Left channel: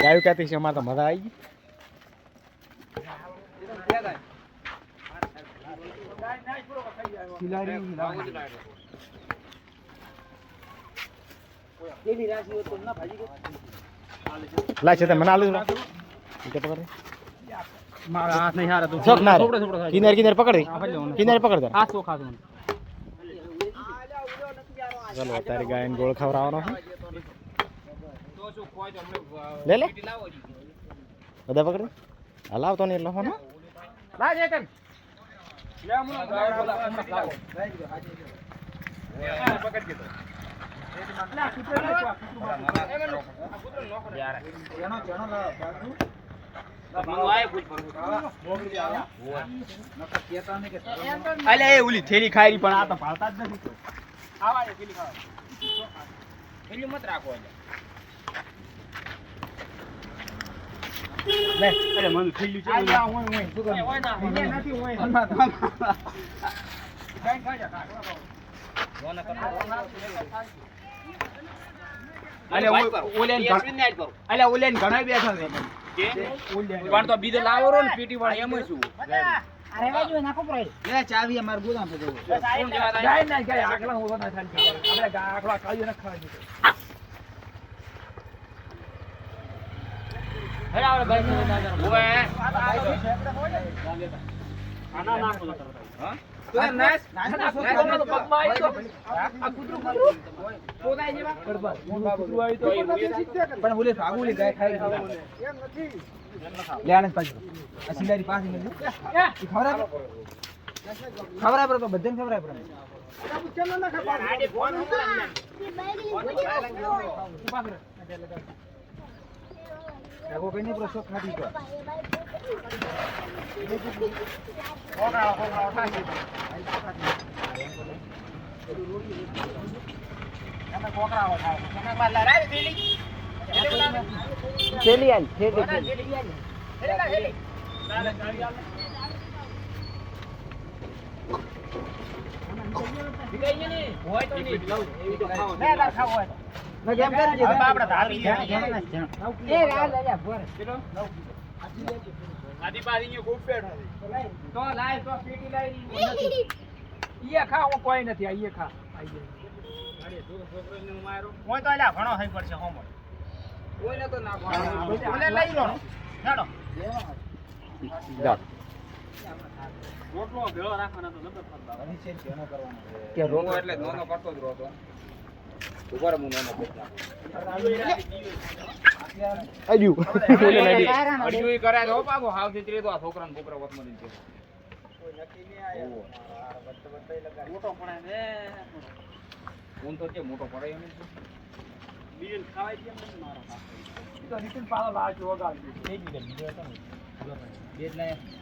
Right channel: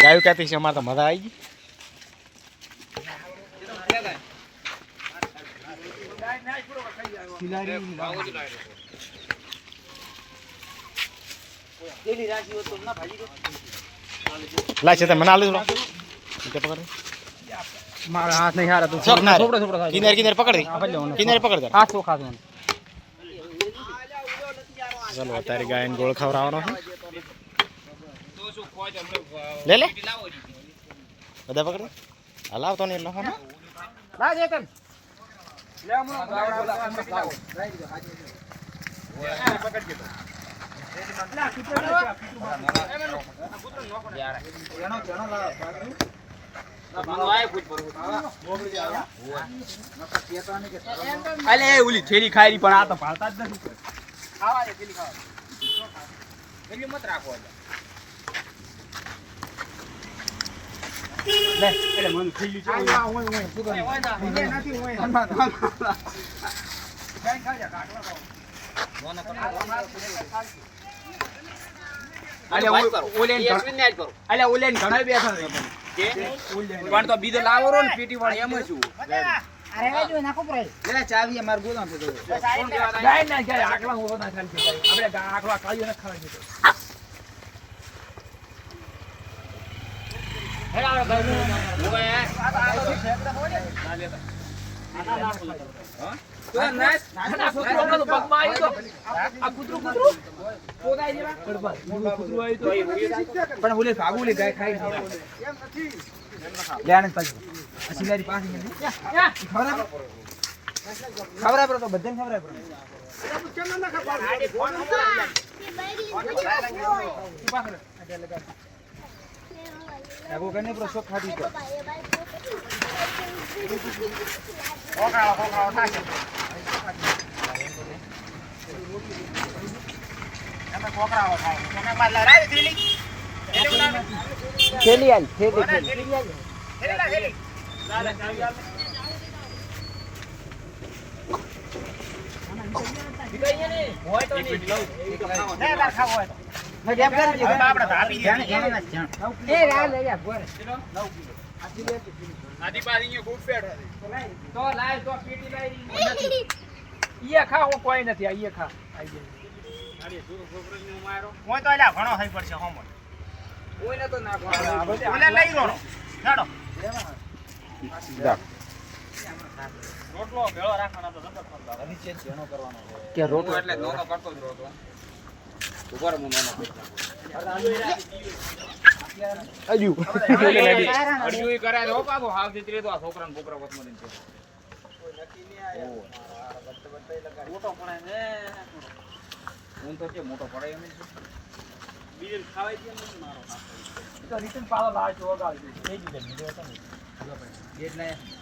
ગાયું ક્યાંથી છે? અમારે તો મજા આવી ગઈ. લાય છે મને આલુ થોડા. પકડ મારા હાથ નહીં હારા તું કિનારે કિનારે પકડ કિનારે પકડ હાથ ચોખા ચાલો અત્યારે ગાયને ગોળ ખવડાવવાનો છે. લે લે. બધા પકડ. હલાવતો નહીં એટલે હા લાજ એકન લે હમણાં હમણાં લાવો. અલે ઓલી થેલી ખાઈ પણ આ તો ભાળતા જ નથી. ખાવા થેલી ખાવા મત રાખો પણ તો બીજો લાવો રો ને પીટી વાળા એમ શું લે ચાવી અમાર ગોદામ પર જવું. જાય ના ગાય આકલા હું બધા ચાલ આપણે આકલા કાયો ન ખાવા પણ ઓલે ભાગુ લે ગાય ખાઈ લે આનંદ પાછી આ સિલારી પાસે ખબર ખબર આપે તો બધાને ખબર આપે ખબર કને પર શોખ ખાધી તો થેલી આલ થેલી તો લાય તો પેટી લાય ઈએ ખા હું કોઈ નથી આ ઈએ ખા કોઈ તો નાખો કે રોટલો. એટલે નોનો કરતો જ રોતો અજુ એટલે નડી અડ્યું કરે તો પાછો હાવ દીકરી તો આ છોકરાને બોકરા વતમાં લઈને જતો. મોટો પડે ને ઊન તો કે મોટો પડે એમ જ. તો નીતિન પાછો લાવજો વગાડજો. બે જ મિનિટ, બીજો હતો ને. બે જ લાયા.